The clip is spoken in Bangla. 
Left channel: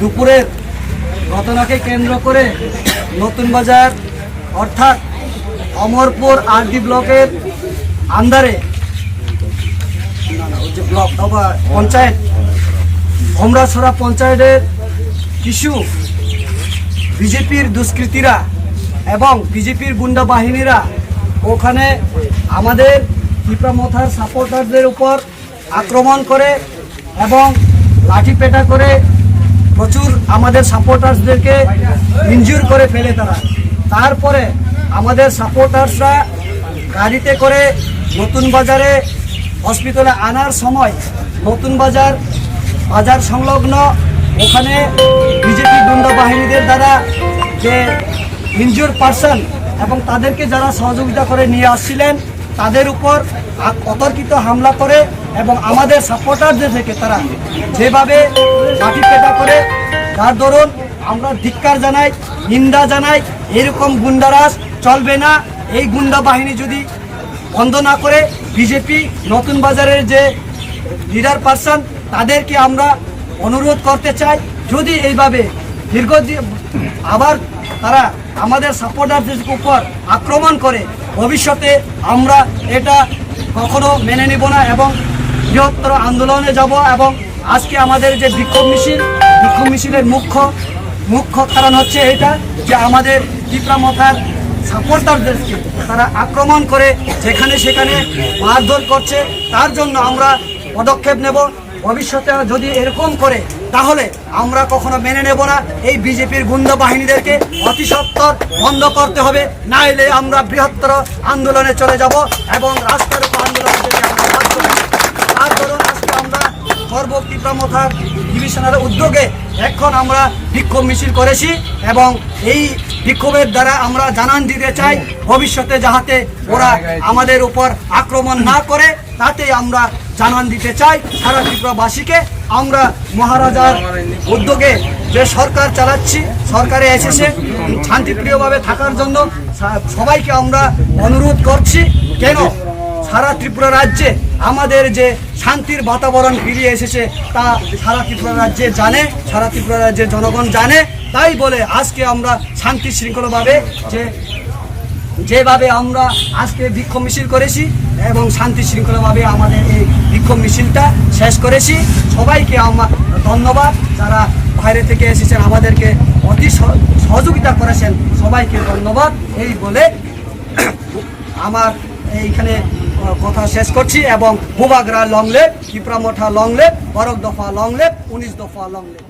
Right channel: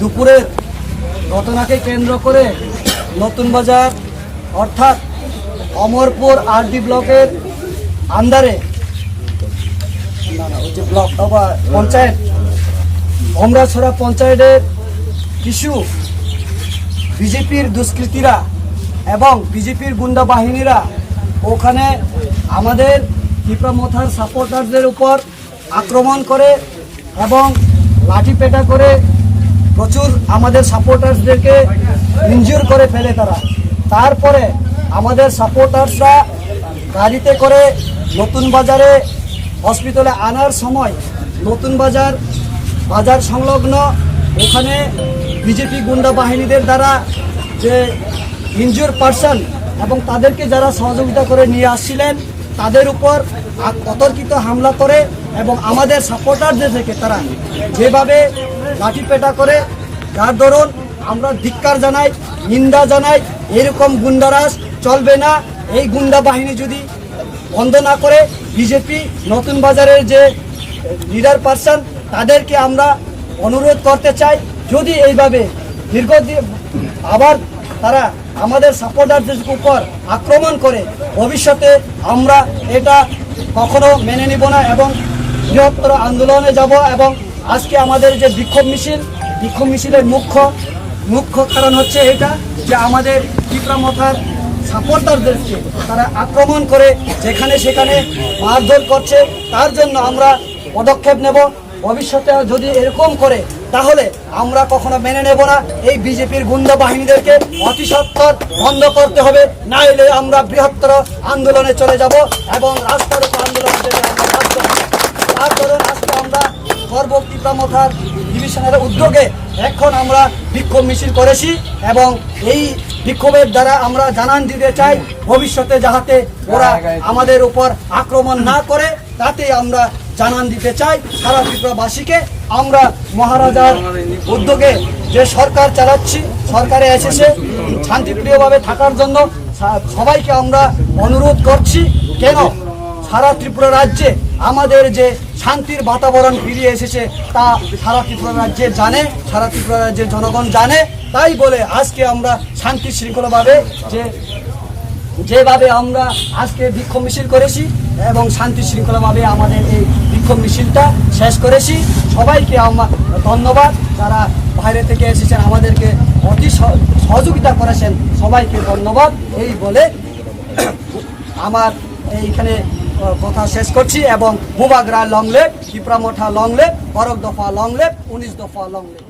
দুপুরের ঘটনাকে কেন্দ্র করে নতুন বাজার অর্থাৎ অমরপুর আরডি ব্লকের আন্ডারে ব্লক পঞ্চায়েত ভমরাছড়া পঞ্চায়েতের কিছু বিজেপির দুষ্কৃতীরা এবং বিজেপির গুন্ডা বাহিনীরা ওখানে আমাদের টিপামথার সাপোর্টারদের উপর আক্রমণ করে এবং লাঠিপেটা করে প্রচুর আমাদের সাপোর্টার্সদেরকে ইনজিওর করে ফেলে তারা। তারপরে আমাদের সাপোর্টার্সরা গাড়িতে করে নতুন বাজারে হসপিটালে আনার সময় নতুন বাজার সংলগ্ন ওখানে বিজেপি গুন্ডা বাহিনীদের দ্বারা যে ইনজিওর পারসন এবং তাদেরকে যারা সহযোগিতা করে নিয়ে আসছিলেন তাদের উপর অতর্কিত হামলা করে এবং আমাদের সাপোর্টারদের থেকে তারা যেভাবে লাঠিপেটা করে, যার দরুন আমরা ধিক্কার জানাই, নিন্দা জানাই। এরকম গুন্ডারাজ চলবে না। এই গুন্ডা বাহিনী যদি বন্ধ না করে বিজেপি নতুন বাজারের যে লিডার পারসন তাদেরকে আমরা অনুরোধ করতে চাই, যদি এইভাবে দীর্ঘদিন আবার তারা আমাদের সাপোর্টারদের উপর আক্রমণ করে, ভবিষ্যতে আমরা এটা কখনো মেনে নিব না এবং বৃহত্তর আন্দোলনে যাব। এবং আজকে আমাদের যে বিক্ষোভ মিছিলের মুখ্য কারণ হচ্ছে এটা যে আমাদের তীব্রামথার সাপোর্টারদেরকে তারা আক্রমণ করে যেখানে সেখানে মারধর করছে। তার জন্য আমরা পদক্ষেপ নেব। ভবিষ্যতে যদি এরকম করে তাহলে আমরা কখনো মেনে নেব না। এই বিজেপির গুন্ডা বাহিনীদেরকে অতি সত্বর বন্ধ করতে হবে, না হলে আমরা বৃহত্তর আন্দোলনে চলে যাব এবং রাস্তার উপর আন্দোলন থেকে আমরা বাধ্য হব। তার ধরুন আজকে আমরা তীব্রামথার ডিভিশনের উদ্যোগে এখন আমরা বিক্ষোভ মিছিল করেছি এবং এই বিক্ষোভের দ্বারা আমরা জানান দিতে চাই ভবিষ্যতে যাতে ওরা আমাদের উপর আক্রমণ না করে, তাতে আমরা জানান দিতে চাই সারা ত্রিপুরাবাসীকে। আমরা মহারাজার উদ্যোগে যে সরকার চালাচ্ছি, সরকারে এসেছে শান্তিপ্রিয়ভাবে থাকার জন্য সবাইকে আমরা অনুরোধ করছি। কেন সারা ত্রিপুরা রাজ্যে আমাদের যে শান্তির বাতাবরণ ফিরিয়ে এসেছে তা সারা ত্রিপুরা রাজ্যে জানে, সারা ত্রিপুরা রাজ্যের জনগণ জানে। তাই বলে আজকে আমরা শান্তি শৃঙ্খলাভাবে যেভাবে আমরা আজকে বিক্ষোভ মিছিল করেছি এবং শান্তি শৃঙ্খলাভাবে আমাদের এই বিক্ষোভ মিছিলটা শেষ করেছি। সবাইকে আমরা ধন্যবাদ, যারা বাইরে থেকে এসেছেন আমাদেরকে অতি সহযোগিতা করেছেন, সবাইকে ধন্যবাদ। এই বলে আমার এইখানে কথা শেষ করছি এবং বুবাগরা লংলেপ, ত্রিপুরামথা লংলেপ, 12 দফা লংলেপ, 19 দফা লংলেপ।